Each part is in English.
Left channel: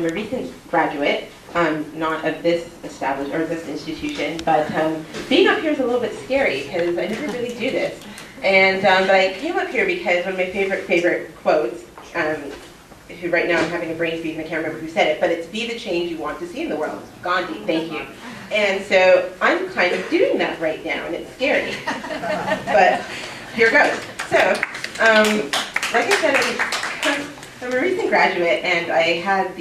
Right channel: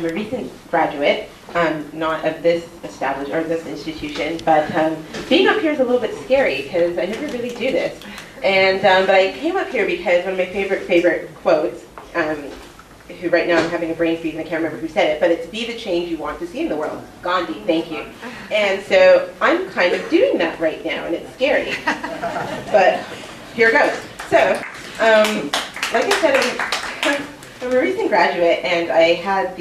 I'm a recent graduate, not of this this institution, but being up here is a little bit scary because I never really do this. And but I came up here because one of my favorite quotes, who right now I'm having a brain freeze and I can't remember who said it, but it's "Be the change you want to see in the world." Gandhi, thank you. And so I'm kind of doing that right now, and it's scary. But here goes. So, like I said, I'm a recent graduate, and I had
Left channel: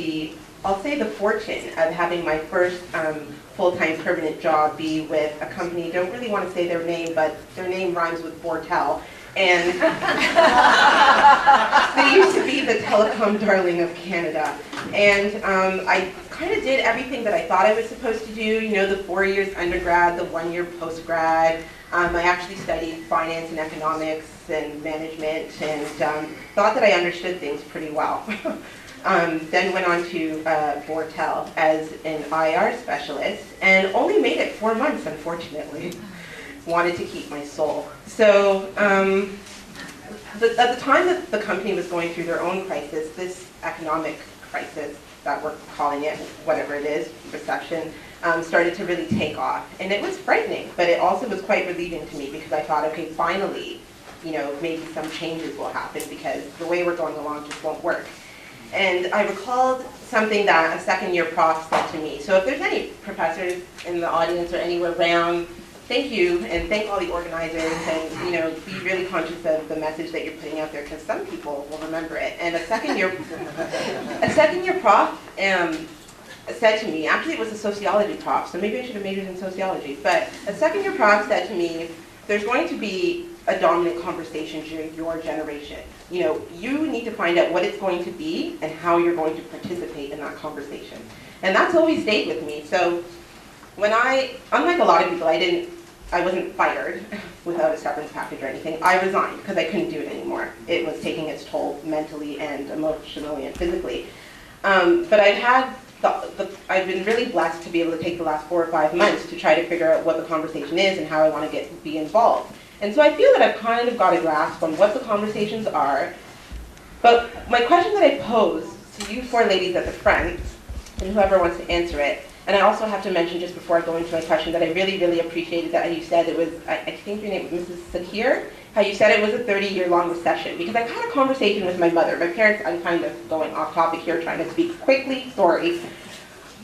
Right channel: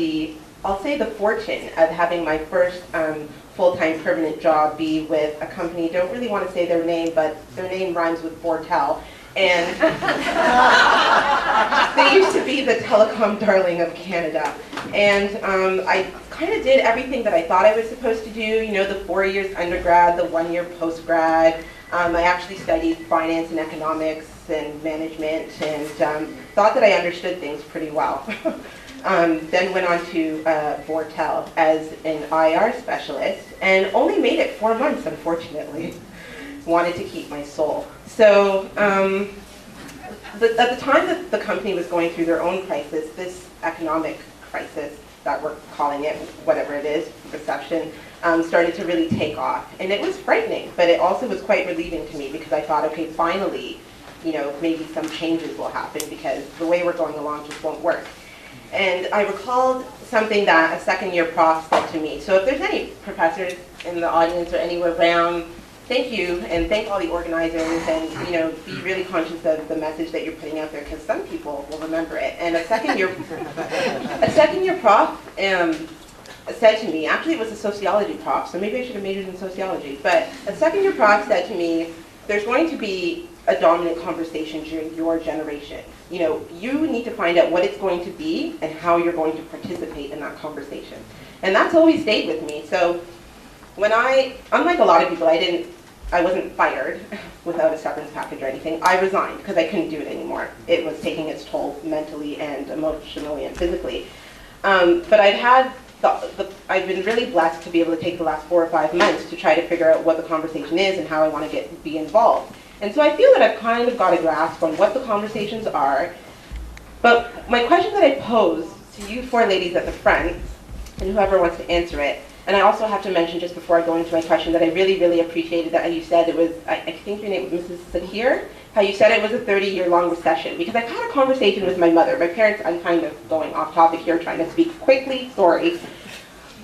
I'll say the fortune of having my first full-time permanent job be with a company. Don't really want to say their name, but their name rhymes with Bortel. And they used to be the telecom darling of Canada. And I kind of did everything that I thought I was supposed to do, you know, the 4 years undergrad, the 1 year postgrad. I actually studied finance and economics and management, and thought that I understood things pretty well. Then went on to Bortel as an IR specialist, and only made it 4 months, unfortunately. Wanted to keep my soul. So at the time that the company was going through their own crisis, this economic crisis that we're calling it, whatever it is, recession, started to really take off. And it was frightening, but it also was quite relieving to me because I thought, okay, finally, you know, maybe some changes will happen because the way we're going along just won't work. And I recalled something that a second-year prof said to me. So if there's any professors in the audience or anywhere around, thank you, and thank all the organizers, and you know, be really conscious of the message that you're putting out there, because some people will remember it. And a second-year prof said to me, actually it was a sociology prof, so maybe I should have majored in sociology, but a second-year prof said to me, there's going to be a dominant conversation during your generation. You know, you need to find out what it's going to be and how you're going to participate in that conversation. And that's always stayed with me. So when unlike a lot of people, I wasn't fired without a severance package or anything. I resigned because I couldn't do it anymore. It was taking its toll mentally and emotionally and physically. But I've been really blessed to be able to take the last 4 or 5 months to try to figure out what the conversation is and how I want to be involved. And so I feel that I've kind of got a grasp on what the conversations are. But my question that I pose to you 4 ladies at the front, and whoever wants to answer it, and I also have to mention just before I go into my question that I really, really appreciated that you said it was, I think your name was Mrs. Sakir, how you said it was a 30-year-long recession. Because I've had a conversation with my mother. My parents, I'm kind of going off topic here, trying to speak quickly, sorry.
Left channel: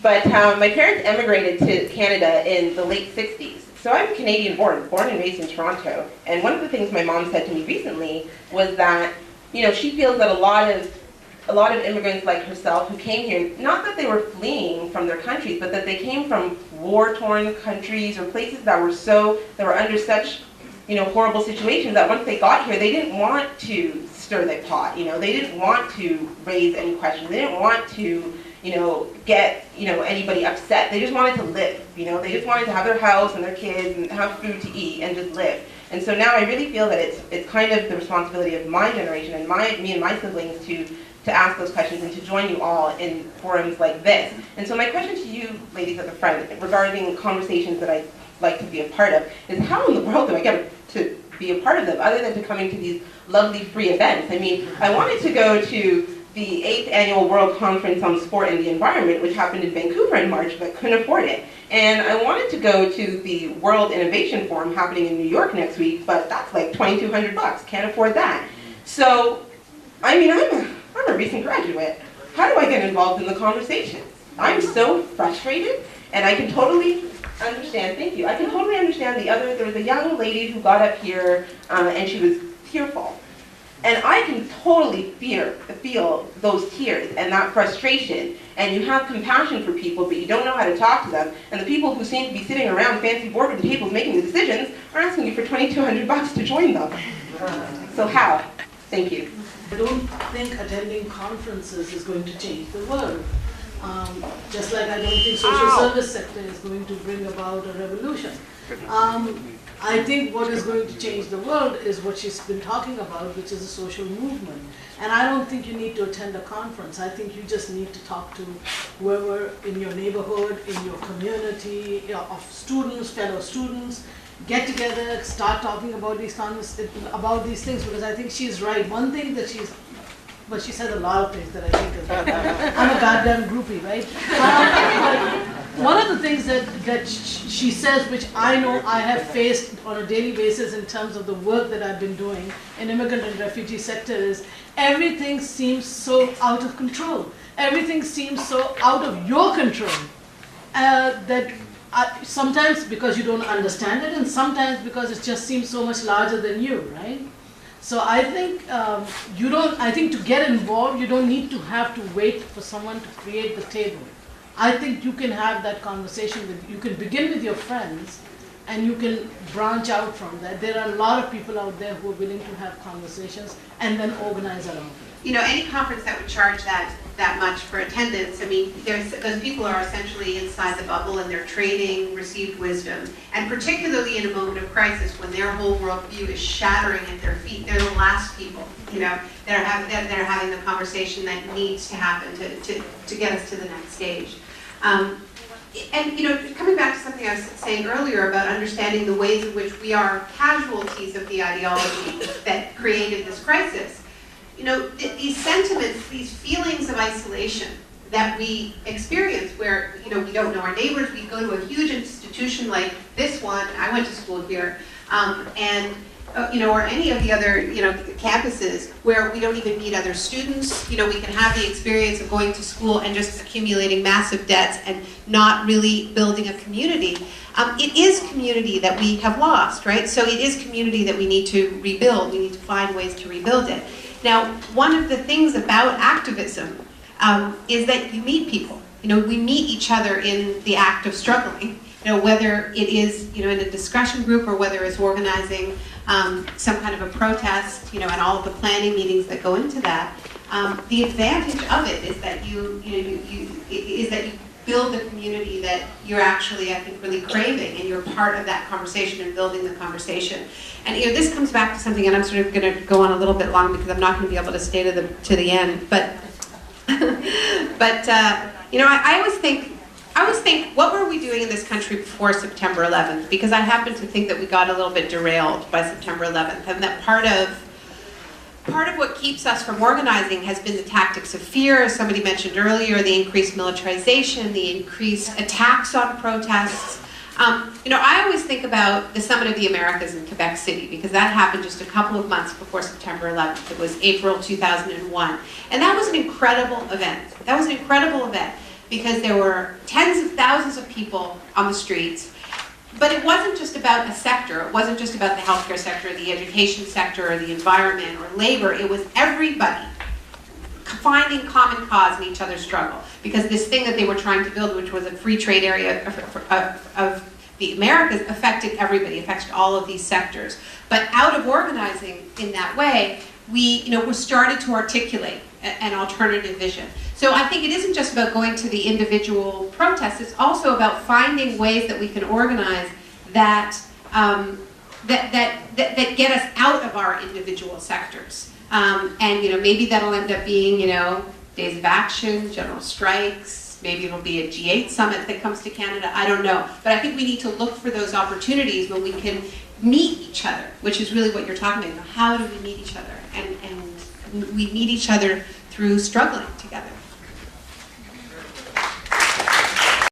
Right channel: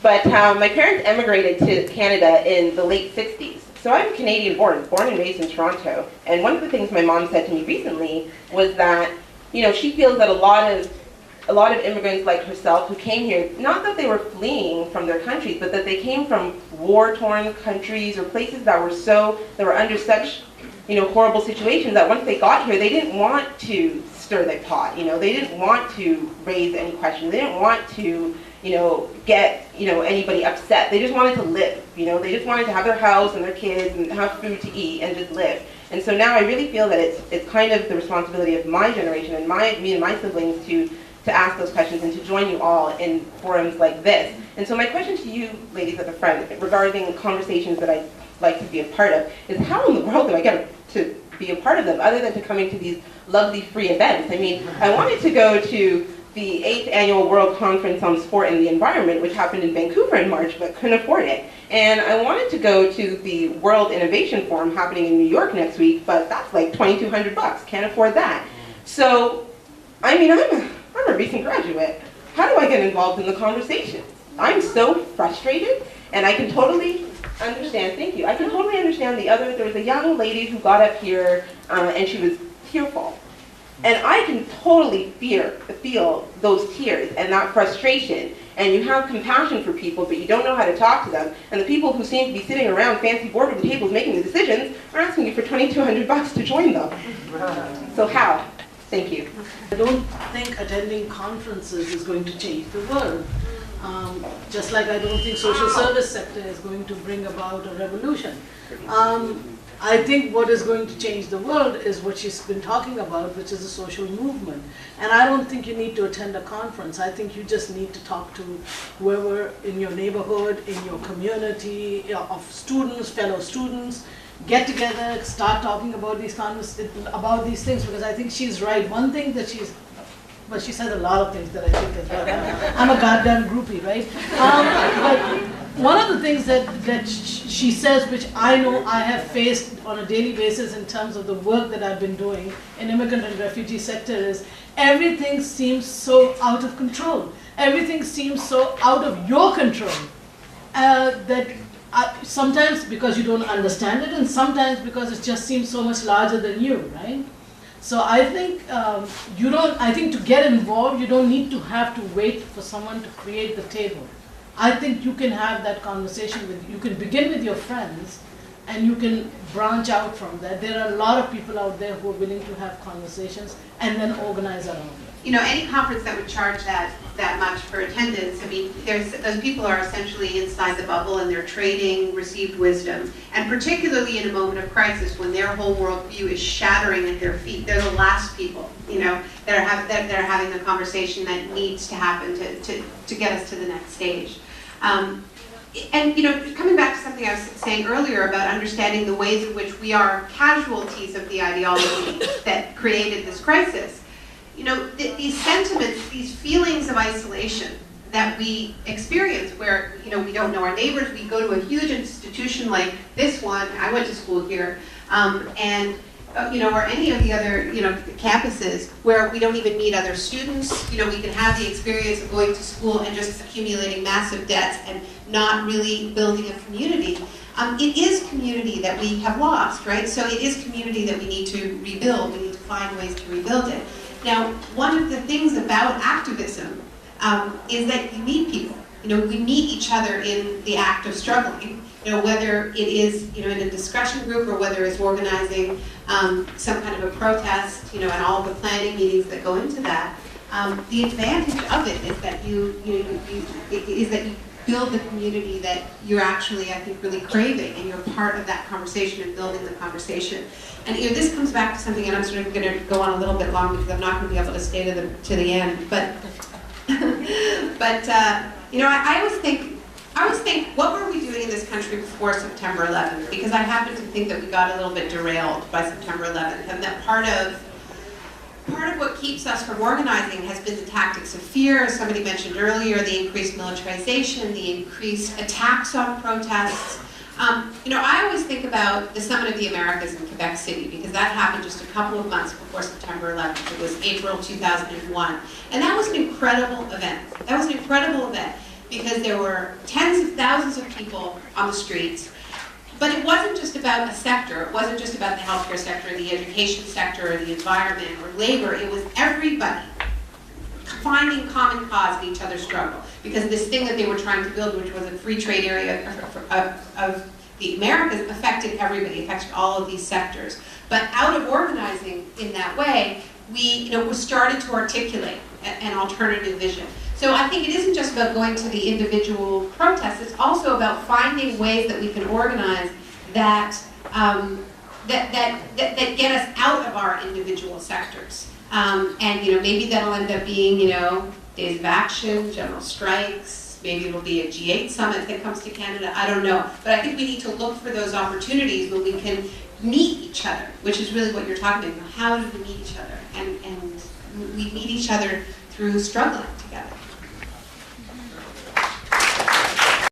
But my parents emigrated to Canada in the late 60s. So I'm Canadian born and raised in Toronto. And one of the things my mom said to me recently was that, you know, she feels that a lot of immigrants like herself who came here, not that they were fleeing from their countries, but that they came from war-torn countries or places that were under such, you know, horrible situations that once they got here, they didn't want to stir the pot. You know, they didn't want to raise any questions. They didn't want to, you know, get, you know, anybody upset. They just wanted to live. You know, they just wanted to have their house and their kids and have food to eat and just live. And so now I really feel that it's kind of the responsibility of my generation and me and my siblings to ask those questions and to join you all in forums like this. And so my question to you, ladies at the front, regarding conversations that I'd like to be a part of, is how in the world do I get to be a part of them, other than to coming to these lovely free events? I mean, I wanted to go to the 8th Annual World Conference on Sport and the Environment, which happened in Vancouver in March, but couldn't afford it. And I wanted to go to the World Innovation Forum happening in New York next week, but that's like $2,200, can't afford that. So, I mean, I'm a recent graduate. How do I get involved in the conversations? I'm so frustrated, and I can totally understand, thank you, I can totally understand there was a young lady who got up here, and she was tearful. And I can totally feel those tears and that frustration. And you have compassion for people, but you don't know how to talk to them. And the people who seem to be sitting around fancy boardroom tables making the decisions are asking you for $2,200 to join them. So how? Thank you. I don't think attending conferences is going to change the world. Just like I don't think social service sector is going to bring about a revolution. I think what is going to change the world is what she's been talking about, which is a social movement. And I don't think you need to attend a conference. I think you just need to talk to whoever in your neighborhood, in your community, of students, fellow students, get together, start talking about these things, because I think she's right. One thing that she's But she says a lot of things that I think is right. I'm a goddamn groupie, right? But one of the things that she says, which I know I have faced on a daily basis in terms of the work that I've been doing in immigrant and refugee sector, is everything seems so out of control. Everything seems so out of your control that sometimes because you don't understand it, and sometimes because it just seems so much larger than you, right? So I think I think to get involved, you don't need to have to wait for someone to create the table. I think you can have that conversation you can begin with your friends, and you can branch out from that. There are a lot of people out there who are willing to have conversations and then organize around it. You know, any conference that would charge that much for attendance, I mean, those people are essentially inside the bubble and they're trading received wisdom. And particularly in a moment of crisis when their whole worldview is shattering at their feet, they're the last people, you know, that are having the conversation that needs to happen to get us to the next stage. And, you know, coming back to something I was saying earlier about understanding the ways in which we are casualties of the ideology that created this crisis, you know, these sentiments, these feelings of isolation that we experience where, you know, we don't know our neighbors, we go to a huge institution like this one, I went to school here, you know, or any of the other, you know, campuses where we don't even meet other students. You know, we can have the experience of going to school and just accumulating massive debts and not really building a community. It is community that we have lost, right? So it is community that we need to rebuild. We need to find ways to rebuild it. Now, one of the things about activism is that you meet people. You know, we meet each other in the act of struggling. You know, whether it is, you know, in a discussion group or whether it's organizing some kind of a protest, you know, and all of the planning meetings that go into that. The advantage of it is that you build the community that you're actually, I think, really craving, and you're part of that conversation and building the conversation. And you know, this comes back to something, and I'm sort of going to go on a little bit long because I'm not going to be able to stay to the end. But you know, I always think, what were we doing in this country before September 11th? Because I happen to think that we got a little bit derailed by September 11th, and that part of what keeps us from organizing has been the tactics of fear, as somebody mentioned earlier, the increased militarization, the increased attacks on protests. You know, I always think about the Summit of the Americas in Quebec City, because that happened just a couple of months before September 11th. It was April 2001. And that was an incredible event. That was an incredible event because there were tens of thousands of people on the streets. But it wasn't just about a sector. It wasn't just about the healthcare sector, the education sector, or the environment, or labor. It was everybody finding common cause in each other's struggle. Because this thing that they were trying to build, which was a free trade area of the Americas, affected everybody, affected all of these sectors. But out of organizing in that way, we started to articulate an alternative vision. So I think it isn't just about going to the individual protests, it's also about finding ways that we can organize that that get us out of our individual sectors. And you know, maybe that'll end up being, you know, days of action, general strikes, maybe it'll be a G8 summit that comes to Canada, I don't know. But I think we need to look for those opportunities when we can meet each other, which is really what you're talking about. How do we meet each other? And we meet each other through struggling together.